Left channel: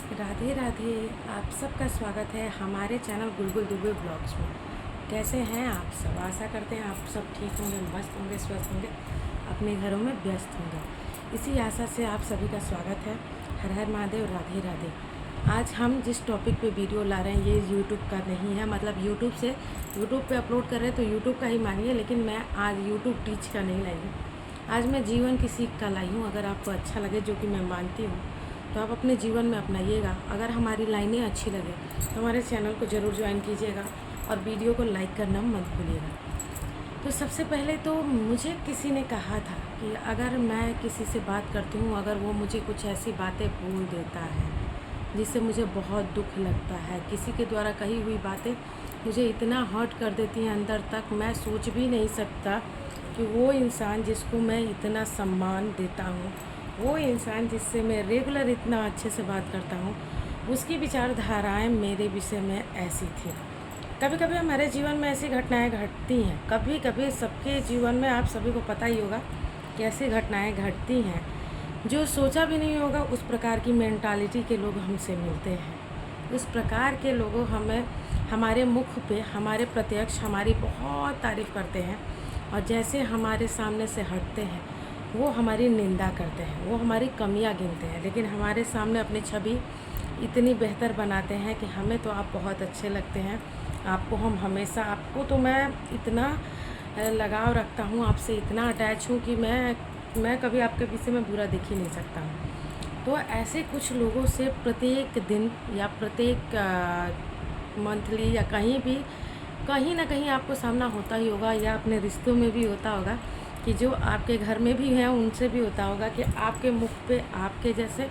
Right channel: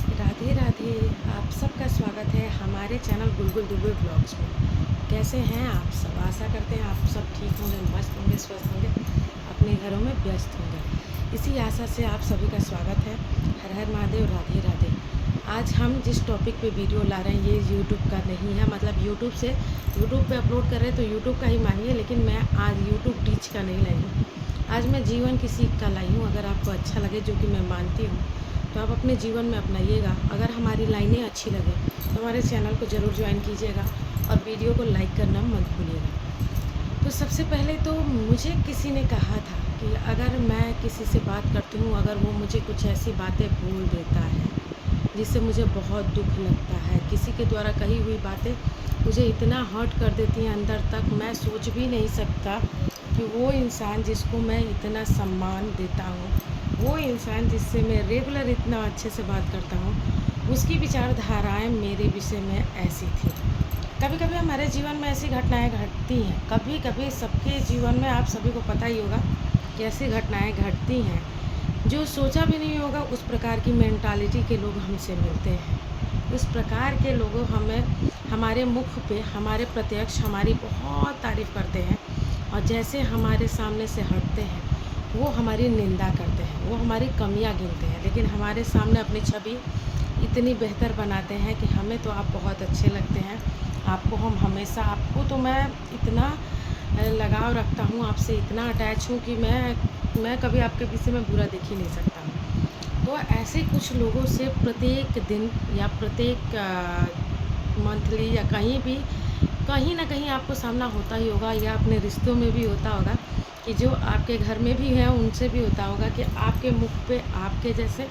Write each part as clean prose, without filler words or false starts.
राधे राधे। आप सबका स्वागत है हमारे चैनल गुलगुल दुबे ब्लॉग्स में। कैसे हैं आप सब? आशा करते हैं आप सब ठीक होंगे, मस्त होंगे, स्वस्थ होंगे, अपने घरों में व्यस्त होंगे। इसी आशा से आप सभी का स्वागत है। हर हर महादेव, राधे राधे। आज हम जिस टॉपिक पे वीडियो ला रहे हैं ये यूट्यूब का नहीं है, मतलब यूट्यूब पे अपलोड कर रहे हैं तो यूट्यूब का ही मानिए, लेकिन मैं आज यूट्यूब टीच का नहीं लाई हूँ। आज मैं जीवन की सीख का लाई हूँ। अगर आपको अच्छा लगे, जो कि मैं मानती हूँ, तो आप अपने जीवन में अपनाइएगा। अगर हमारी लाइनें अच्छी लगे तो हमारे चैनल को ज़रूर ज्वाइन कीजिएगा और वीडियो को लाइक करना मत भूलिएगा। तो सबसे पहले तो मुझे किसी ने कहा था कि अगर मैं किसी से बात करती हूँ, अगर वो मुझे कुछ ऐसी बातें बोल देता है जिससे मुझे बहुत दुख लगता है, किसी के द्वारा कही हुई बातें मुझे इतना हर्ट कर देती हैं अंदर तक, मैं सोच भी नहीं सकता कि वो इंसान जिसको मैं इतना सम्मान देता हूँ, वो इंसान जिससे मैं रेगुलर इतना अच्छे से बात करता हूँ, उसकी विचारधाराएं मेरे विषय में ऐसी थी। कभी कभी हमारे जीवन में ऐसी घटनाएं घटती हैं, कभी कभी सबके जीवन में, आप सभी को पता ही होगा कि ऐसी घटनाएं घटती हैं जो सोचा भी नहीं होगा। उस प्रकार की मेंटालिटी के लोग हमसे मिलते हैं, उस प्रकार के लोगों हमें हमारे मुख पे, हमारे प्रत्यक्ष हमारी बहुत तारीफ़ करते हैं, और जैसे हमारे सामने से हटते हैं वो हमारी निंदा करते हैं, वो हमारी कमियां गिनते हैं, लेकिन हमारे सामने अपनी छवि इतनी बेहतर बनाते हैं कि हमें तो आप बहुत अच्छे लगते हैं, आपको हम हमेशा, आपको तो मैं इतना लगाव रखता हूँ, आपसे इतना अटैच हूँ कि मैं कभी आपके विषय में बुरा देख ही नहीं सकता हूँ। तो ऐसे कुछ लोगों से प्रत्येक दिन या प्रत्येक मंथली या कहीं भी, कहीं ना कहीं आपको सामना होता ही होगा, या अपने रिश्तों में भी होता होगा, कि जो आपके घर में भी हैं उनसे भी होता होगा कि आपके मुख पे आपके जैसे,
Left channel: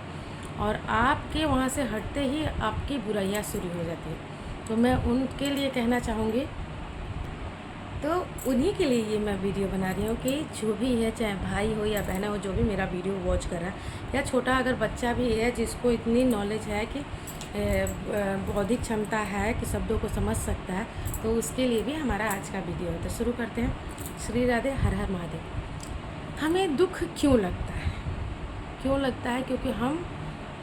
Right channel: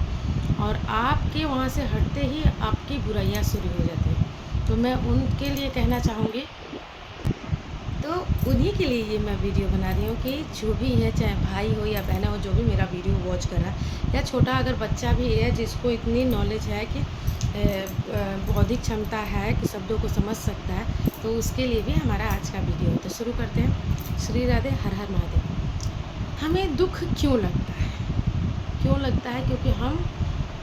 और आपके वहाँ से हटते ही आपकी बुराइयाँ शुरू हो जाती हैं। तो मैं उनके लिए कहना चाहूँगी, तो उन्हीं के लिए ये मैं वीडियो बना रही हूँ कि जो भी है, चाहे भाई हो या बहन हो, जो भी मेरा वीडियो वॉच कर रहा है, या छोटा अगर बच्चा भी है जिसको इतनी नॉलेज है कि बौद्धिक क्षमता है कि शब्दों को समझ सकता है, तो उसके लिए भी हमारा आज का वीडियो है। तो शुरू करते हैं। श्री राधे, हर हर महादेव। हमें दुख क्यों लगता है? क्यों लगता है? क्योंकि हम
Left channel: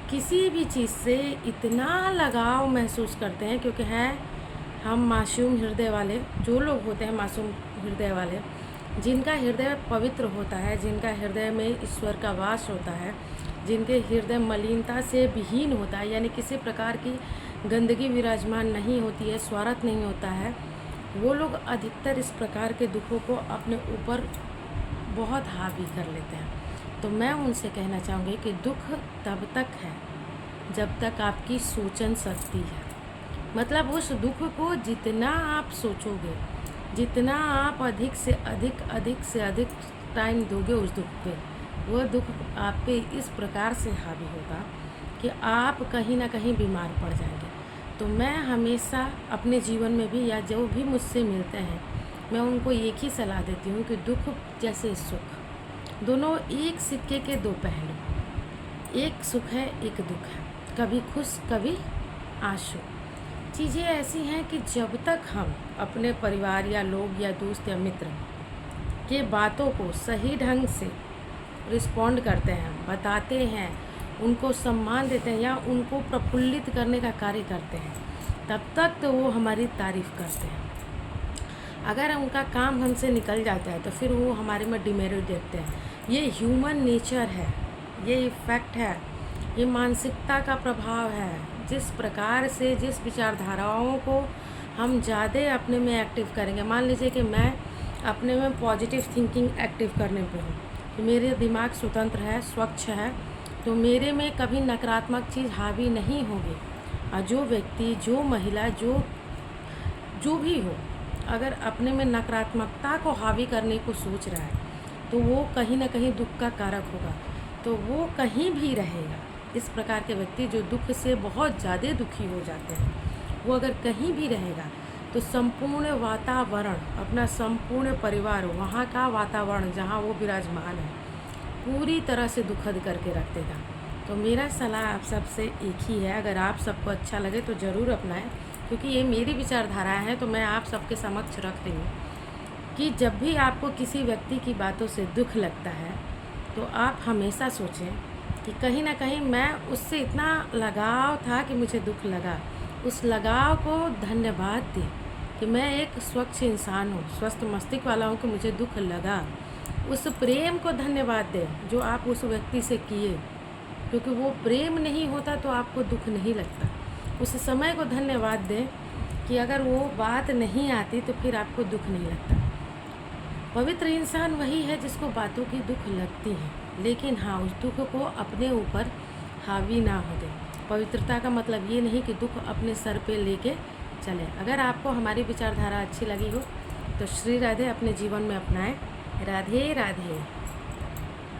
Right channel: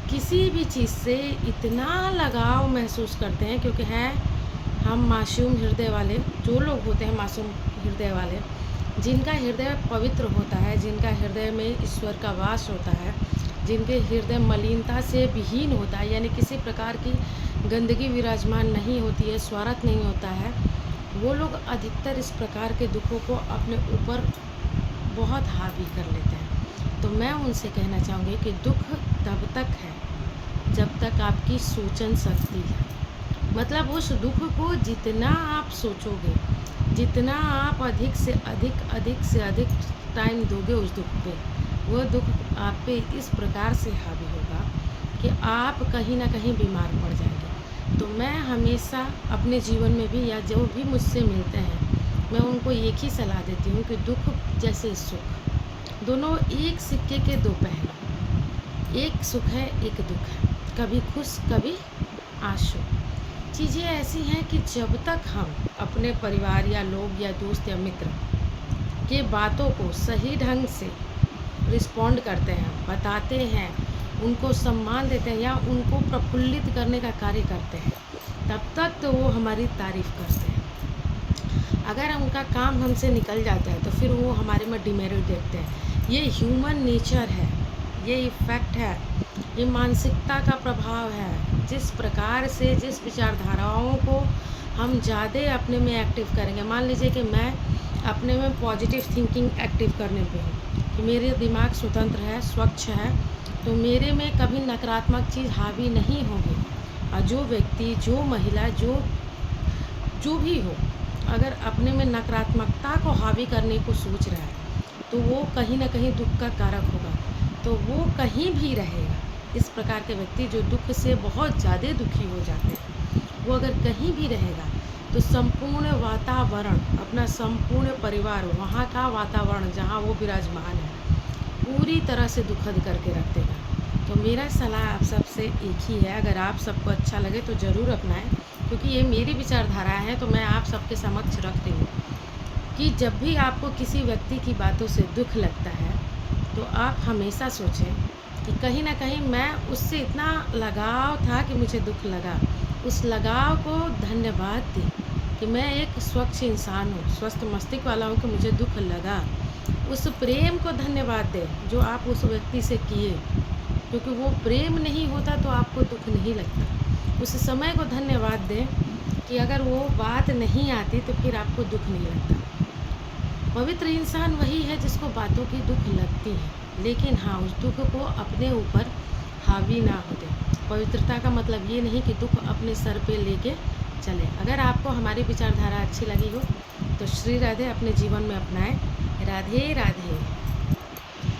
किसी भी चीज़ से इतना लगाव महसूस करते हैं, क्योंकि हैं हम मासूम हृदय वाले, जो लोग होते हैं मासूम हृदय वाले, जिनका हृदय पवित्र होता है, जिनका हृदय में ईश्वर का वास होता है, जिनके हृदय मलिनता से विहीन होता है, यानी किसी प्रकार की गंदगी विराजमान नहीं होती है, स्वार्थ नहीं होता है, वो लोग अधिकतर इस प्रकार के दुखों को अपने ऊपर बहुत हावी कर लेते हैं। तो मैं उनसे कहना चाहूँगी कि दुख तब तक है जब तक आपकी सोचन शक्ति है। मतलब उस दुख को जितना आप सोचोगे, जितना आप अधिक से अधिक टाइम दोगे उस दुख पे, वो दुख आप पे इस प्रकार से हावी होगा कि आप कहीं ना कहीं बीमार पड़ जाएंगे। तो मैं हमेशा अपने जीवन में भी, या जो भी मुझसे मिलते हैं, मैं उनको एक ही सलाह देती हूँ कि दुख जैसे सुख, दोनों एक सिक्के के दो पहलू, एक सुख है एक दुख है, कभी खुश कभी आंसू। चीज़ें ऐसी हैं कि जब तक हम अपने परिवार या लोग या दोस्त या मित्र के बातों को सही ढंग से रिस्पॉन्ड करते हैं, बताते हैं, उनको सम्मान देते हैं, या उनको प्रफुल्लित करने का कार्य करते हैं, तब तक तो वो हमारी तारीफ़ करते हैं। अगर उनका काम हमसे निकल जाता है तो फिर वो हमारे में डिमेरिट देखते हैं। ये ह्यूमन नेचर है, ये इफ़ेक्ट है, ये मानसिकता का प्रभाव है। जिस प्रकार से, जिस विचारधाराओं को हम ज़्यादा अपने में एक्टिव करेंगे, मान लीजिए कि मैं अपने में पॉजिटिव थिंकिंग एक्टिव करने पे हूँ, तो मेरे दिमाग स्वतंत्र है, स्वच्छ है, तो मेरे में कभी नकारात्मक चीज़ हावी नहीं होगी। और जो व्यक्ति, जो महिला, जो जो भी हो, अगर अपने में नकारात्मकता को हावी करने को सोच रहा है, तो वो कहीं ना कहीं दुख का कारक होगा। तो वो कहीं भी रहेगा। इस प्रकार के व्यक्ति जो दुख से बहुत ज़्यादा दुखी हो जाते हैं, वो अगर कहीं भी रहेगा तो संपूर्ण वातावरण, अपना संपूर्ण परिवार, वहाँ का वातावरण जहाँ वो विराजमान है, पूरी तरह से दुखद करके रख देगा। तो मेरा सलाह आप सबसे एक ही है, अगर आप सबको अच्छा लगे तो ज़रूर अपनाएं, क्योंकि ये मेरी विचारधारा है। तो मैं आप सबके समक्ष रख रही हूँ कि जब भी आपको किसी व्यक्ति की बातों से दुख लगता है, तो आप हमेशा सोचें कि कहीं न कहीं मैं उससे इतना लगाव था कि मुझे दुःख लगा। उस लगाव को धन्यवाद दें कि मैं एक स्वच्छ इंसान हूँ, स्वस्थ मस्तिष्क वाला हूँ कि मुझे दुःख लगा। उस प्रेम को धन्यवाद दें जो आप उस व्यक्ति से किए, क्योंकि वो प्रेम नहीं होता तो आपको दुःख नहीं लगता। उस समय को धन्यवाद दें कि अगर वो बात नहीं आती तो फिर आपको दुःख नहीं लगता। पवित्र इंसान वही है जिसको बातों की दुःख लगती है, लेकिन हाँ, उस दुःख को अपने ऊपर हावी ना होते। पवित्रता का मतलब ये नहीं कि दुःख अपने सर पे लेके चले। अगर आपको हमारी विचारधारा अच्छी लगी हो तो श्री राधे अपने जीवन में अपनाएं। राधे राधे।